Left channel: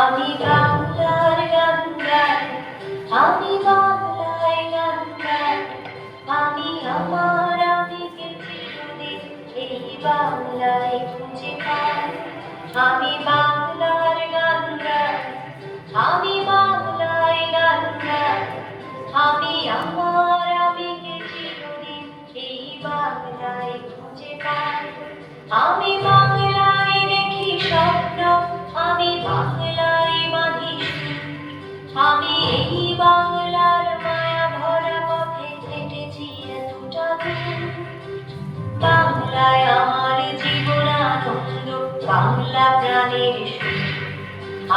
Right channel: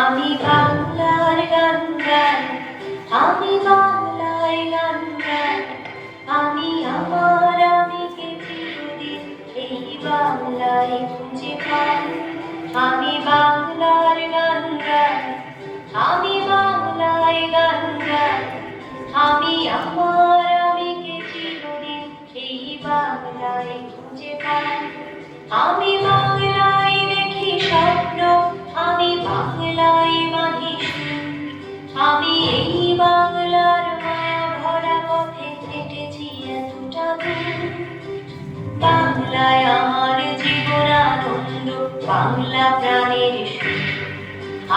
আমি বাংলার গান গাই, আমি বাংলায় গান গাই, আমি আমার আমিকে চিরদিন এই বাংলায় খুঁজে পাই। আমি বাংলার গান গাই, আমি বাংলায় গান গাই, আমি আমার আমিকে চিরদিন এই বাংলায় খুঁজে পাই। আমি বাংলায় দেখি স্বপ্ন, আমি বাংলায় বাঁধি সুর, আমি এই বাংলার মায়া ভরা পথে হেঁটেছি এতটা দূর। বাংলায় আমার জীবনানন্দ, বাংলা প্রাণের সুর।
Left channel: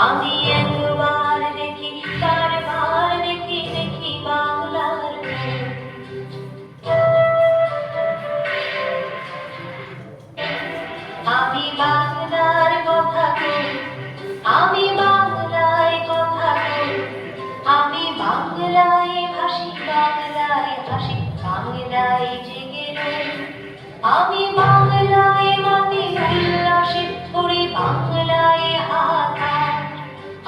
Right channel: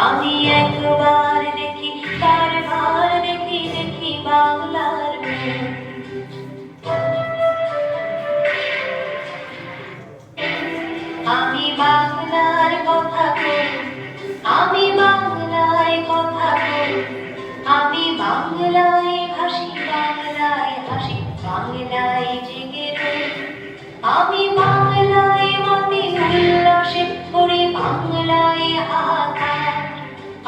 আমি একবার দেখি, বারবার দেখি, দেখি বাংলার মুখ। আমি বাংলার কথা বলি, আমি বাংলায় কথা বলি, আমি বাংলায় ভাসি, বাংলায় হাসি, বাংলায় জেগে রই। আমি বাংলায় মাতি উল্লাসে করি, বাংলায় হাহাকার।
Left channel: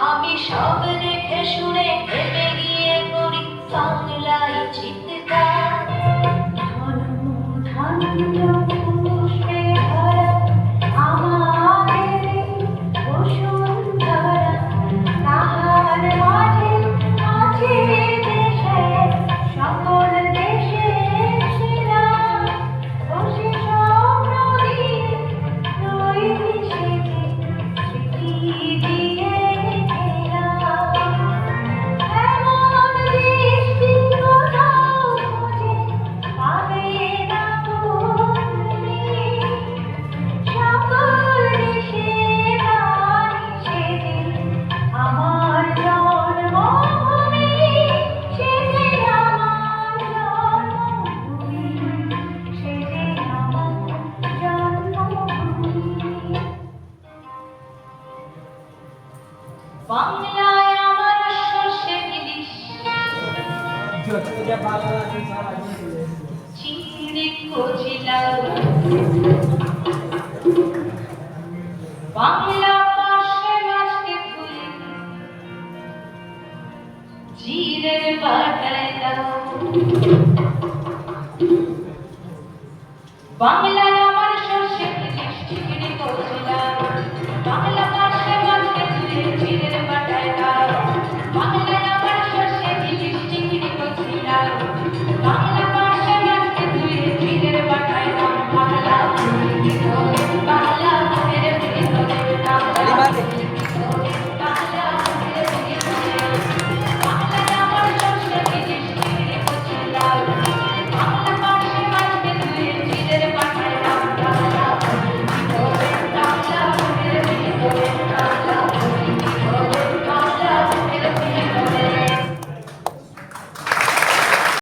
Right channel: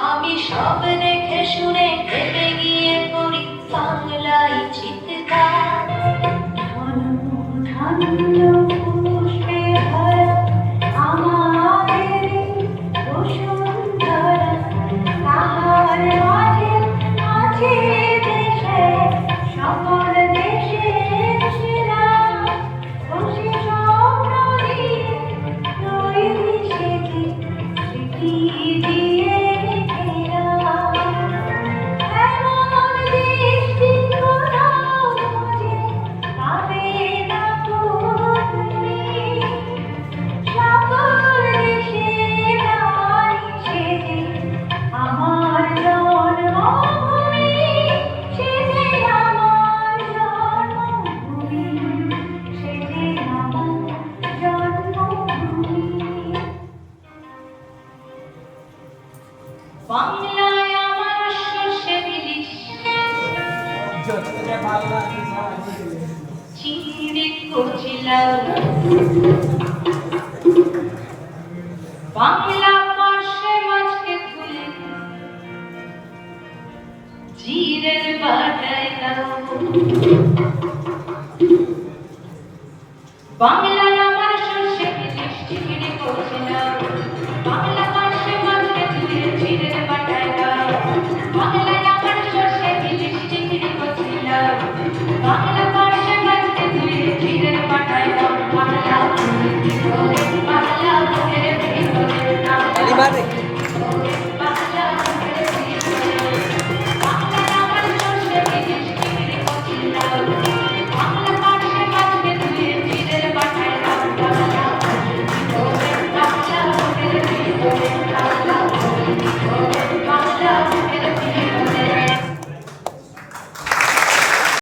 আমি সব দেখে শুনে ভেবে গিয়ে করি বাংলায় চিৎকার। ধন্য পুষ্পে ভরা আমাদের বসুন্ধরা, তাহার মাঝে আছে দেশে সকল দেশের সেরা। বসে স্বপ্ন দিয়ে রইলি সেজে, স্মৃতি দিয়ে ঘেরা। এমন দৃষ্টি কোথাও খুঁজে পাবে না তুমি। সকল দেশের রানী সেজে আমার জন্মভূমি, সেজে আমার জন্মভূমি, সেজে আমার জন্মভূমি। বাংলায় আমার সর্ষে ইলিশ, চিংড়ি কচি লাউ। বাংলা পার্শে মাছকে তুলি, জিরের বাটায় দাও। বাংলা